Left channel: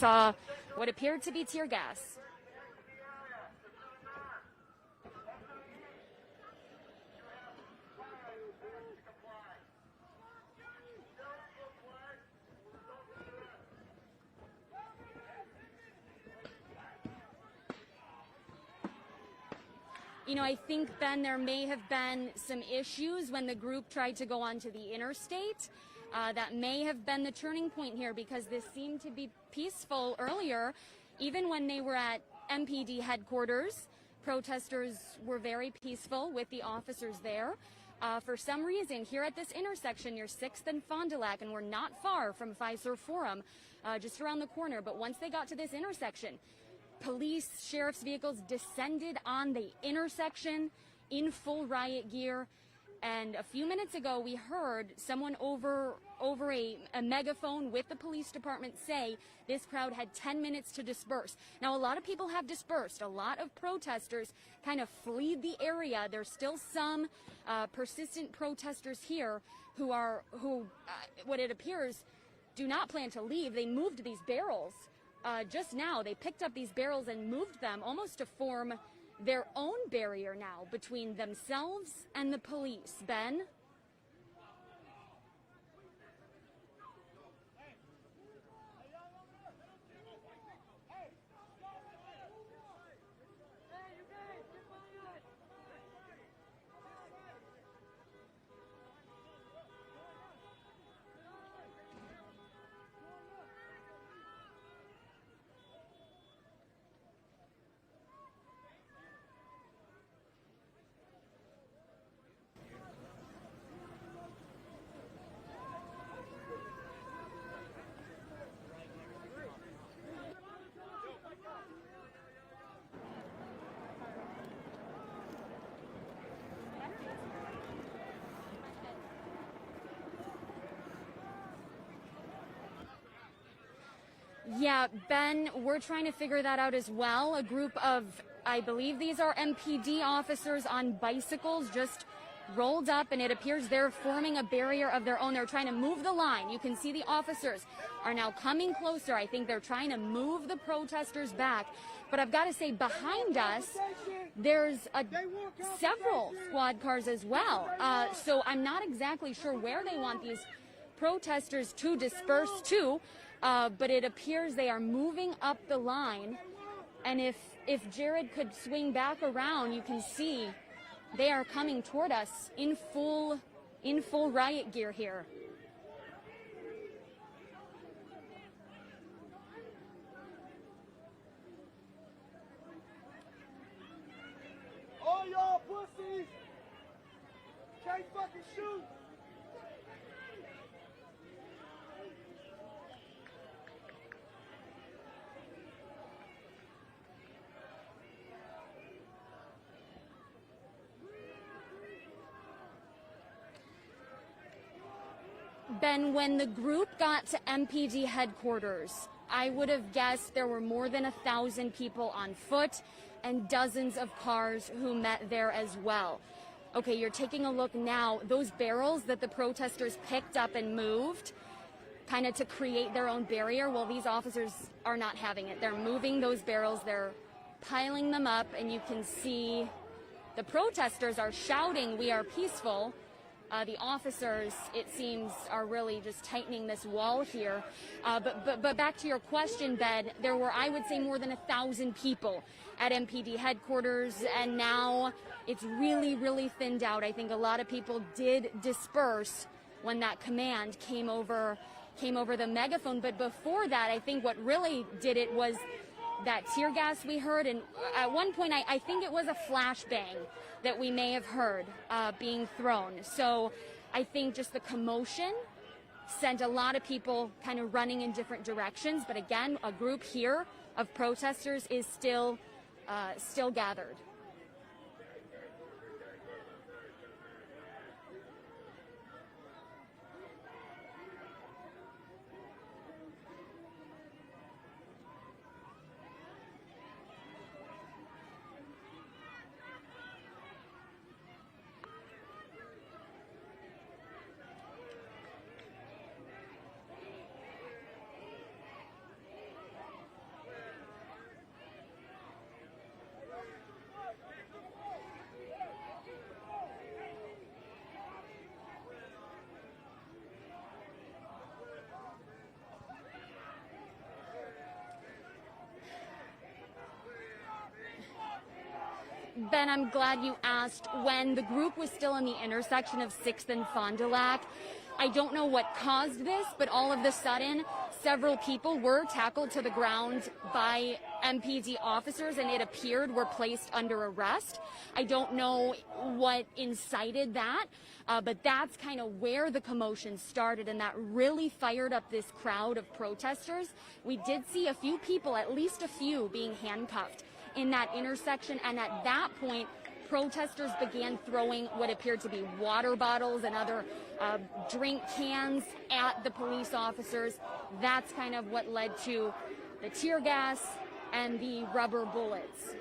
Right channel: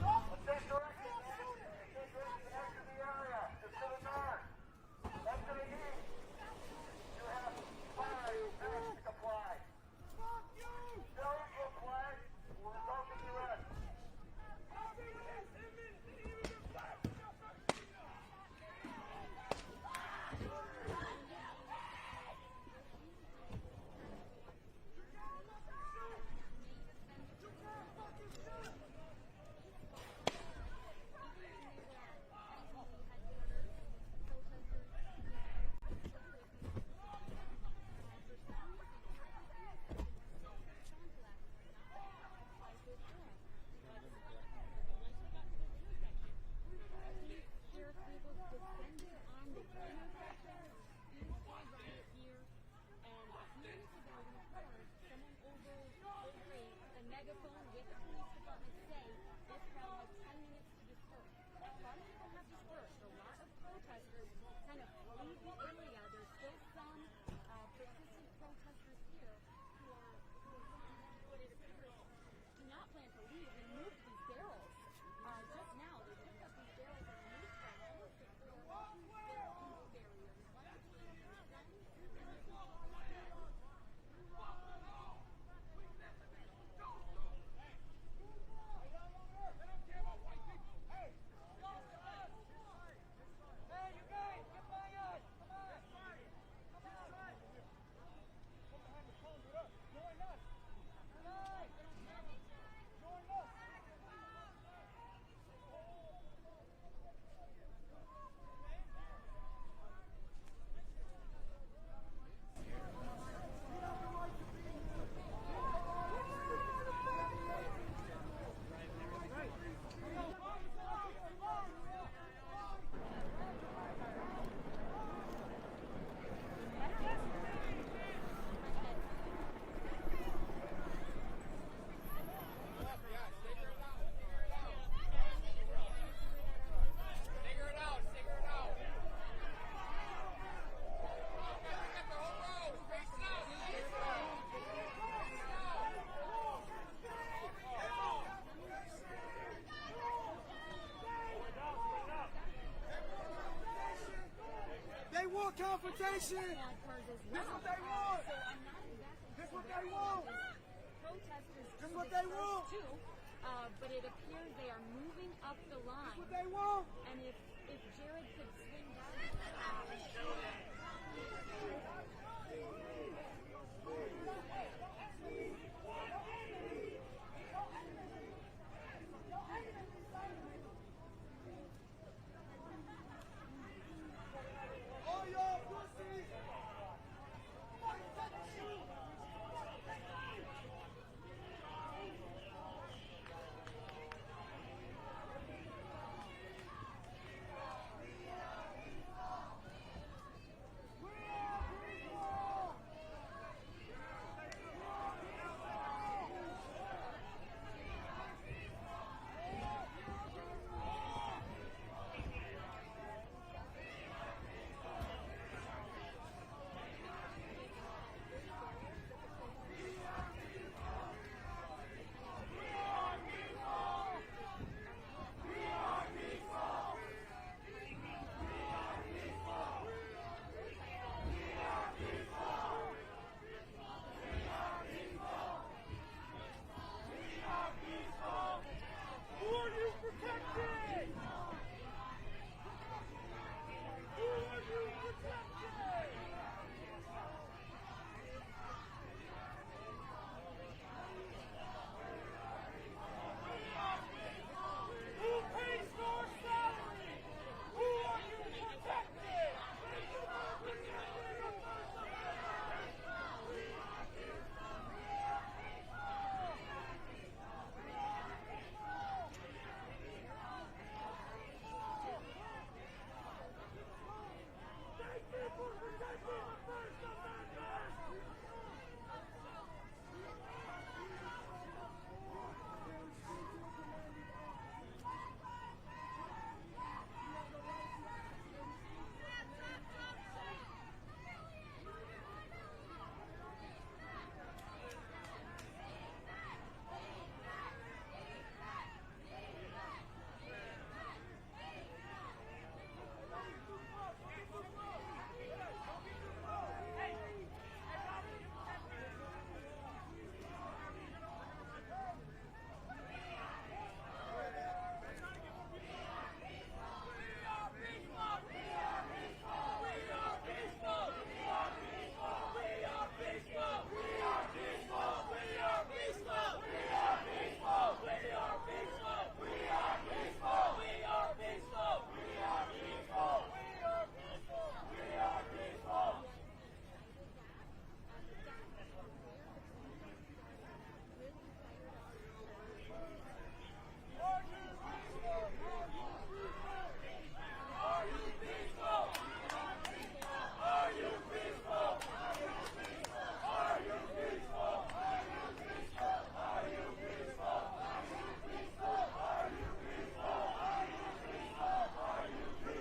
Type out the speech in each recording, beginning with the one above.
saw what appeared to be tear gas. You know, I think, Ben, there may have been some issues when the group tried to go onto the interstate. That may have been the turning point here, because this seemed to be peaceful earlier. Even when they were at MPD headquarters, protesters were very peaceful with the officers there. For some reason, here at this intersection near 6th and Fond du Lac, and we're not far from Fiserv Forum, just around the corner, but once they got to this intersection, police, sheriff's vehicles descended on the intersection in full riot gear. And a few minutes ago, we heard someone over a megaphone with the police department say this crowd had 10 minutes to disperse. Now, a lot of people have dispersed. A lot of protesters kind of fled the area. There's still some persistent protesters here who what it appears, do not plan to leave. They moved these barrels. Just now, they picked up these barrels and moved them almost to form their own barrier now between themselves and the police. Ben? Yeah, Ben, we're trying to figure that out as well. A group of, I believe these are MPD officers on bicycles, just rolled up, and it appears they're forming a barrier of their own. They're trying to move the line. You can see the officers are now coming closer. I think they're trying to move the protesters back. But I've got to say, behind us, there's several squad cars as well. So I'm not exactly sure where they want these protesters to disperse to. But it appears they are moving up the line, and if Jared could swing back around, you can see they are coming toward us in full riot gear here. All y'all pussies, can't fucking shoot. Ben, when the group got to MPD headquarters, I would have guessed there were more than 1,000 people on foot and dozens of cars who met there as well. Okay, you're taking a look now. Those barrels that the protesters picked up and moved, kind of to create their own barrier, well, these officers are not having it. They're moving those barrels, they're piling them up, and you can see the protesters are shouting, "We are peaceful." The officers, it seems, are really just tightening this wall here. But back to your question, Ben, there were, I would say, more than 1,000 people at MPD headquarters, and now it's really, really thinned out. I think a lot of people did disperse when that command came over the megaphone. But before that, I think what really did it was that tear gas we heard, and at one point I think it was a flashbang that we may have heard being thrown. So I think just the commotion sent a lot of people kind of running in different directions. But again, a group here of protesters is still gathered. glad you asked. When the group was still in the intersection of 6th and Fond du Lac, I don't know what caused this, but all of a sudden, several people were tackled to the ground by MPD officers, and it appeared were placed under arrest. I don't know what incited that, but that's kind of where the commotion started, and that really fired up this crowd of protesters. We did see a few people, at least a few, being handcuffed in that intersection, and at that point, protesters began throwing what appeared to be water bottles and other drink cans at the police officers. That's kind of what led to the tear gas and the rubber bullets.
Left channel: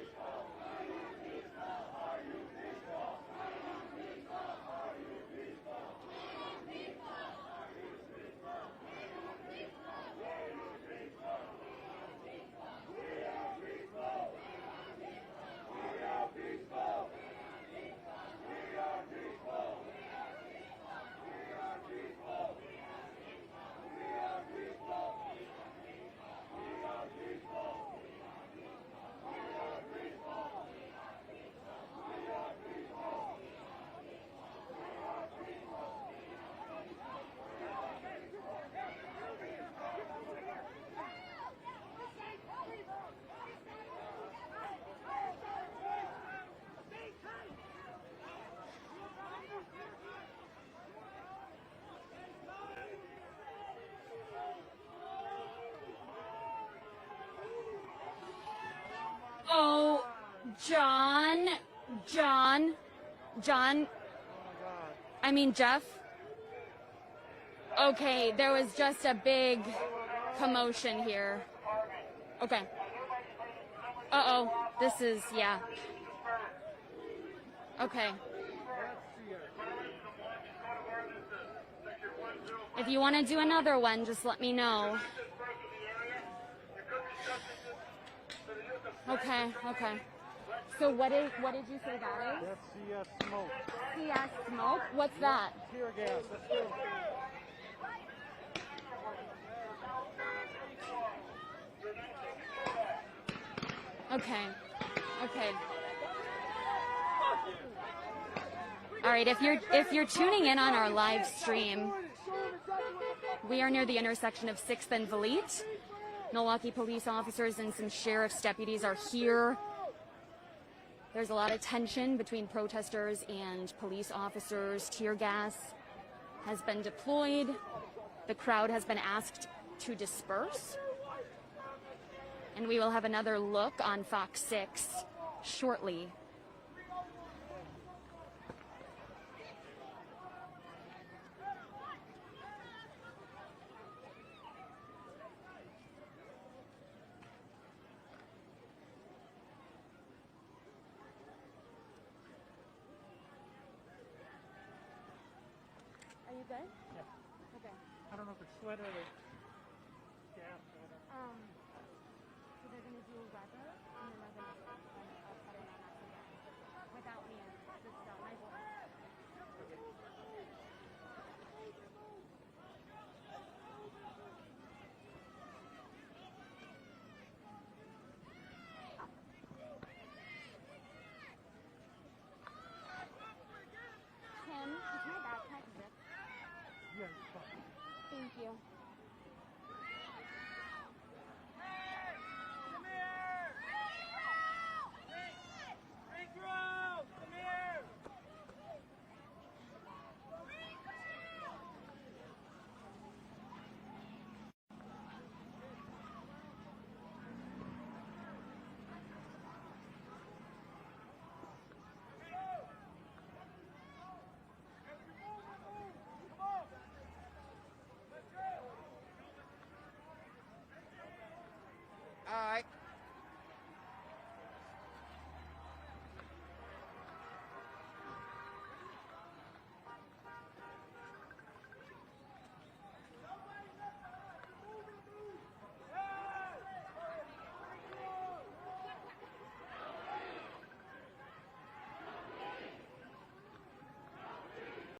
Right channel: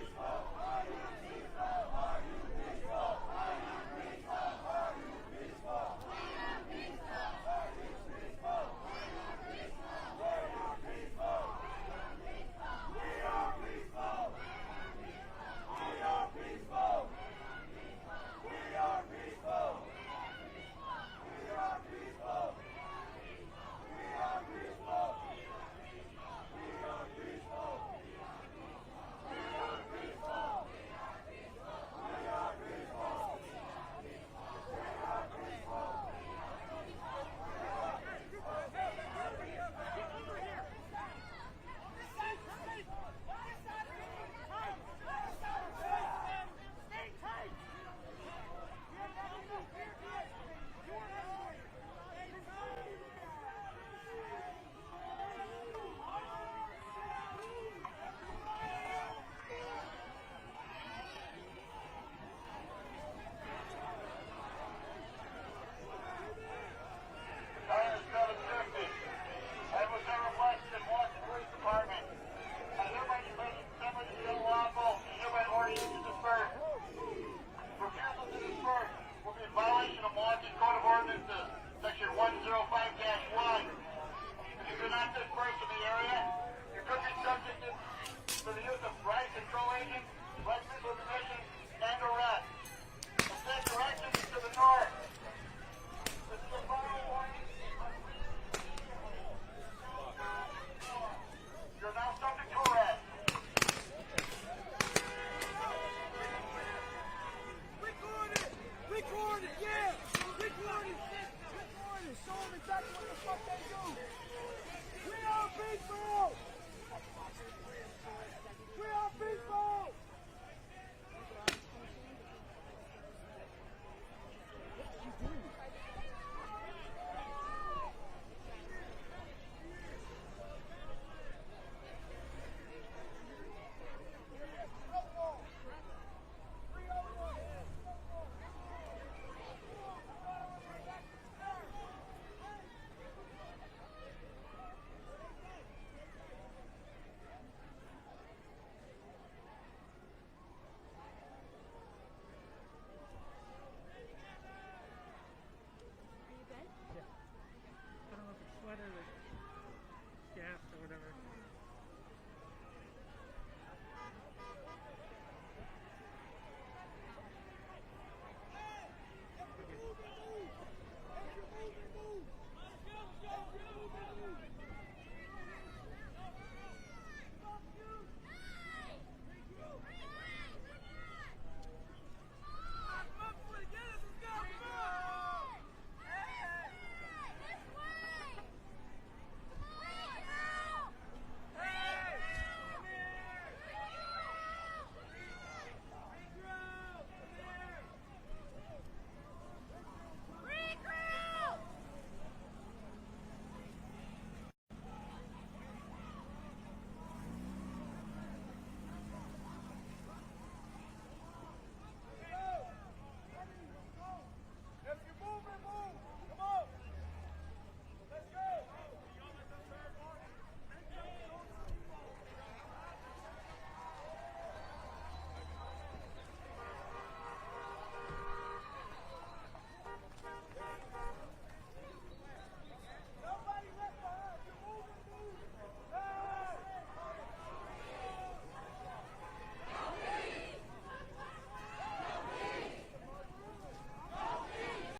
Oh, Jeff. Okay, there was just a big commotion here. Okay. Uh-oh, this is, yeah. Okay. If you want to do another one, just let me know. Okay. So what did you say that is? Smoke? What's that? Okay. All right, if you're tuning in on our live stream, we are near the intersection of 6th and Valete. Milwaukee police officers and some sheriff's deputies are here. There's a lot of tension between protesters and police officers. Tear gas has been deployed. The crowd has been asked to disperse. And we will have another look on Fox 6 shortly.